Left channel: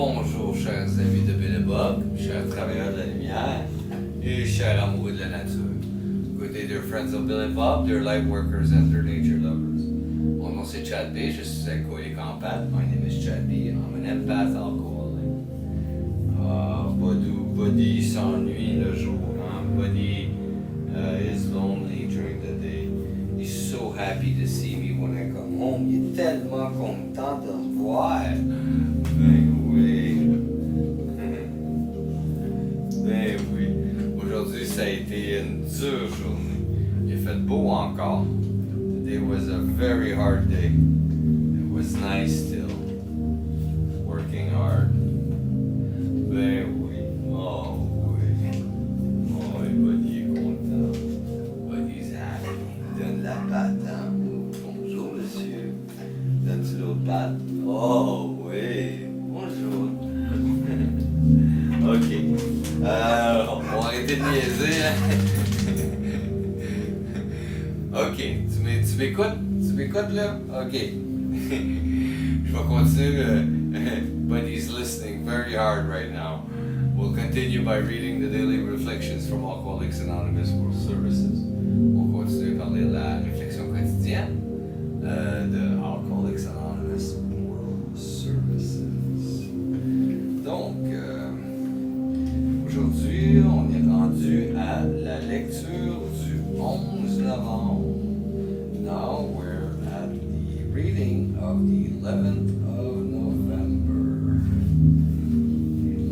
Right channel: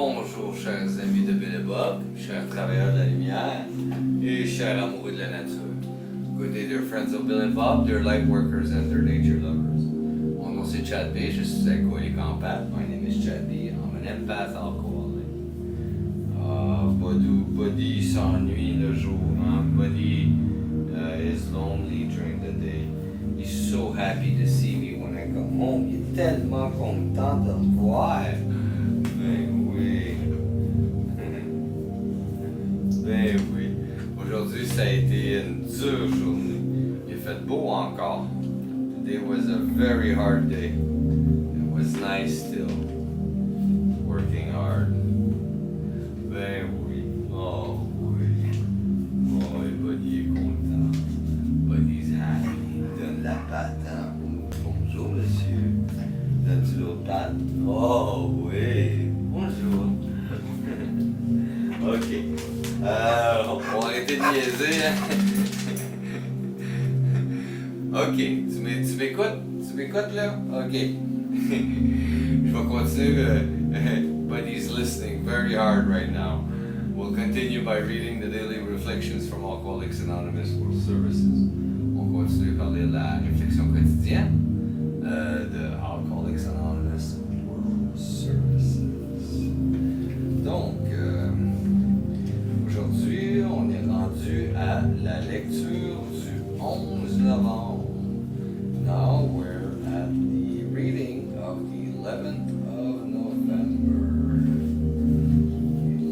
Bonjour chers amis de Bill et Bob, chers travailleurs de la lumière et chers amoureux de la nature. Good day dear friends of Bill and Bob, dear light workers and dear nature lovers. Mon nom c'est Chad B, je suis alcoolique en pâte. My name is Chad B, I'm an empath alcoholic. Buddy s'ennuie le jour, hein? Buddy is lonely during the day. He's so happy to see me when I come home. Il est tellement content de me voir. Ben oui. Ben oui. Aujourd'hui, ça a été une dure journée. Il a fait beau encore. Today was a very hard day. It was nice still. Working hard. Ben oui. Oh oui. Oh, et Buddy est content. Buddy's happy. Il donne la patte, hein? Bonjour, monsieur. Donne-tu l'autre patte? Oh oui. Bonjour. OK. On va arrêter de niaiser, hein? OK. Tu m'écoutes? Tu m'écoutes, là? OK. Je vais continuer. Buddy's listening very hard right now. We'll continue by reading the daily reflections from Alcooliques Anonymous World Services. On continue par lire la réflexion quotidienne de Alcooliques Anonymous World Services. Donc, aujourd'hui, on est rendu à la lecture du 11 novembre. Now we're at the reading of the 11th of November.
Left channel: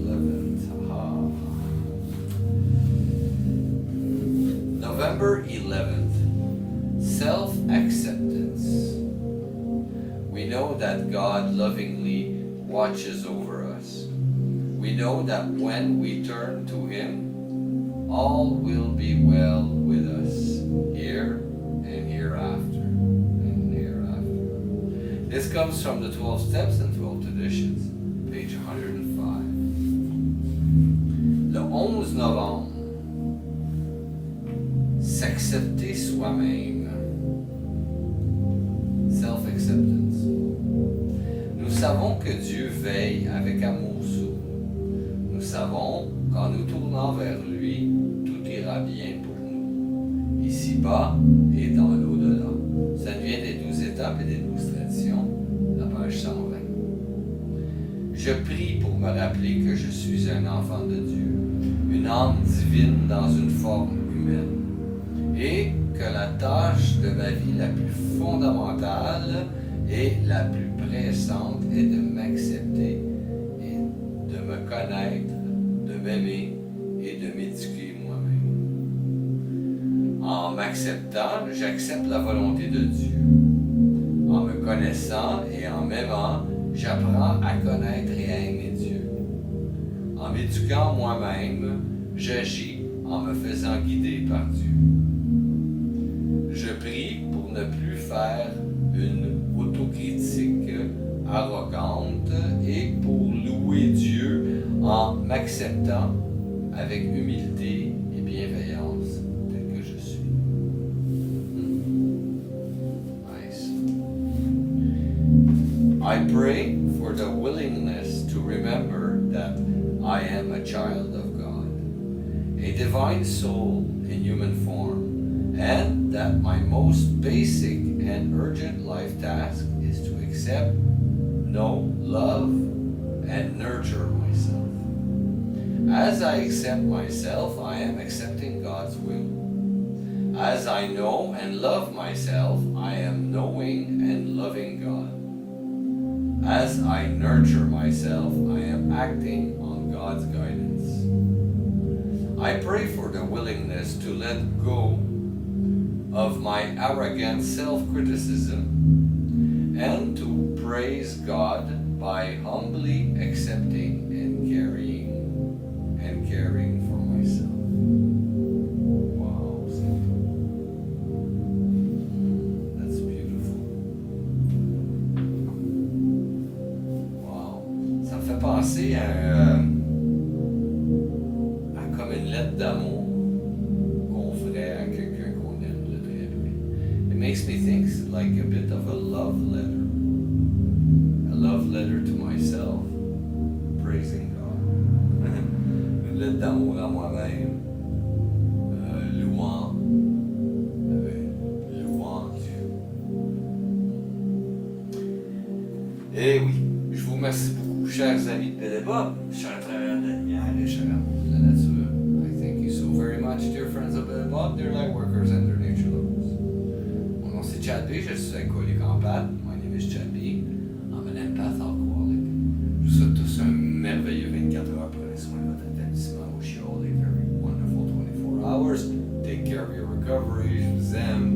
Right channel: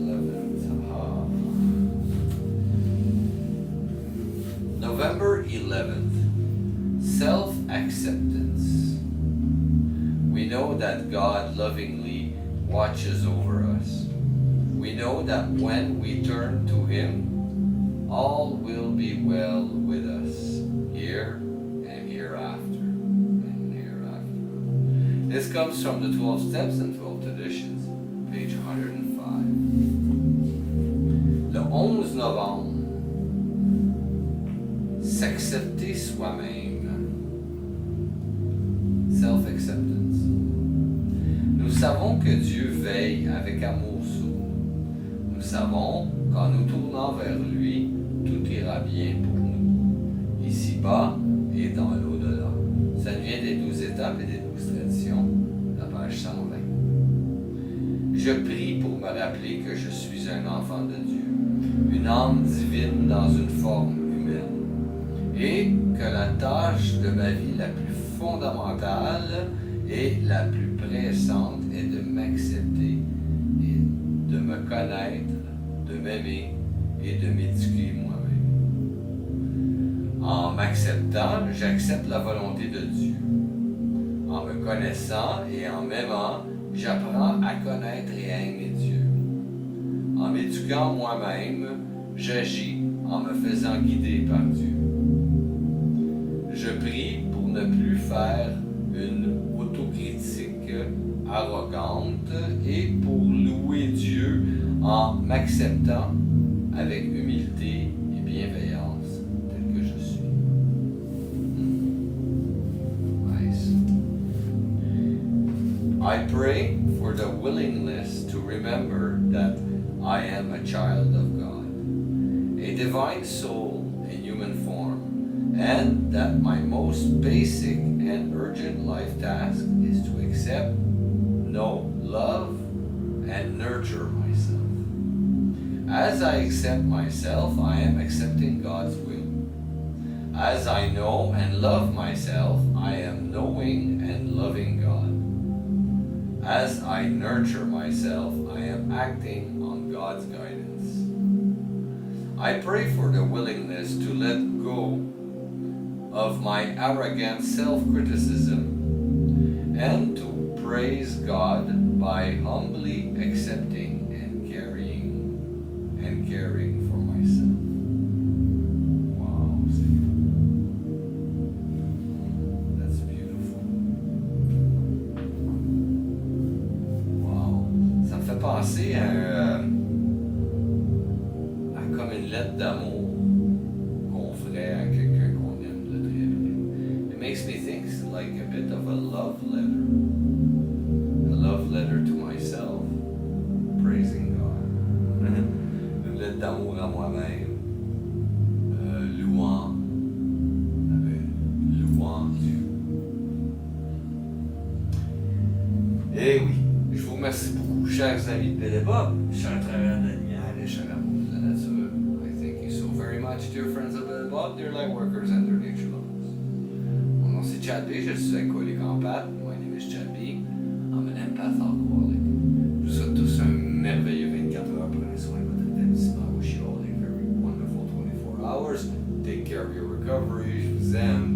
11th, November 11th. Self-acceptance. We know that God lovingly watches over us. We know that when we turn to Him, all will be well with us, here and hereafter, and hereafter. This comes from the 12 Steps and 12 Traditions, page 105. Le 11 novembre, s'accepter soi-même. Self-acceptance. Nous savons que Dieu veille avec amour sur nous. Nous savons qu'en nous tournant vers lui, tout ira bien pour nous, ici-bas et dans l'au-delà. Ça nous vient des 12 étapes et des 12 traditions, la page 120. Je prie pour me rappeler que je suis un enfant de Dieu, une âme divine dans une forme humaine, et que la tâche de ma vie la plus fondamentale et la plus pressante est de m'accepter et de me connaître, de m'aimer et de m'éduquer moi-même. En m'acceptant, j'accepte la volonté de Dieu. En me connaissant et en m'aimant, j'apprends à connaître et à aimer Dieu. En m'éduquant moi-même, j'agis en me faisant guider par Dieu. Je prie pour ne plus faire une autocritique arrogante et pour louer Dieu en m'acceptant avec humilité et bienveillance tel que je suis. Nice. I pray for the willingness to remember that I am a child of God, a divine soul in human form, and that my most basic and urgent life task is to accept, know, love, and nurture myself. As I accept myself, I am accepting God's will. As I know and love myself, I am knowing and loving God. As I nurture myself, I am acting on God's guidance. I pray for the willingness to let go of my arrogant self-criticism and to praise God by humbly accepting and caring for myself. Wow, that's beautiful. Wow, ça me fait penser à comme une lettre d'amour qu'on ferait à quelqu'un qu'on aime de très près. It makes me think like a bit of a love letter to myself, à moi-même, louant Dieu. Et oui, je vous remercie beaucoup, chers amis de Belle et Bob, chers travailleurs de la lumière et chers amours de la nature. I thank you so very much, dear friends of Belle et Bob, dear light workers and dear nature lovers. Mon nom c'est Chad B, je suis alcoolique en pâte. My name is Chad B. I'm an empath alcoholic. Je vous souhaite tous un merveilleux 24 heures. Prenez soin de votre établissement. I wish you all a very wonderful 24 hours. Take care of your recovery. Je vous aime.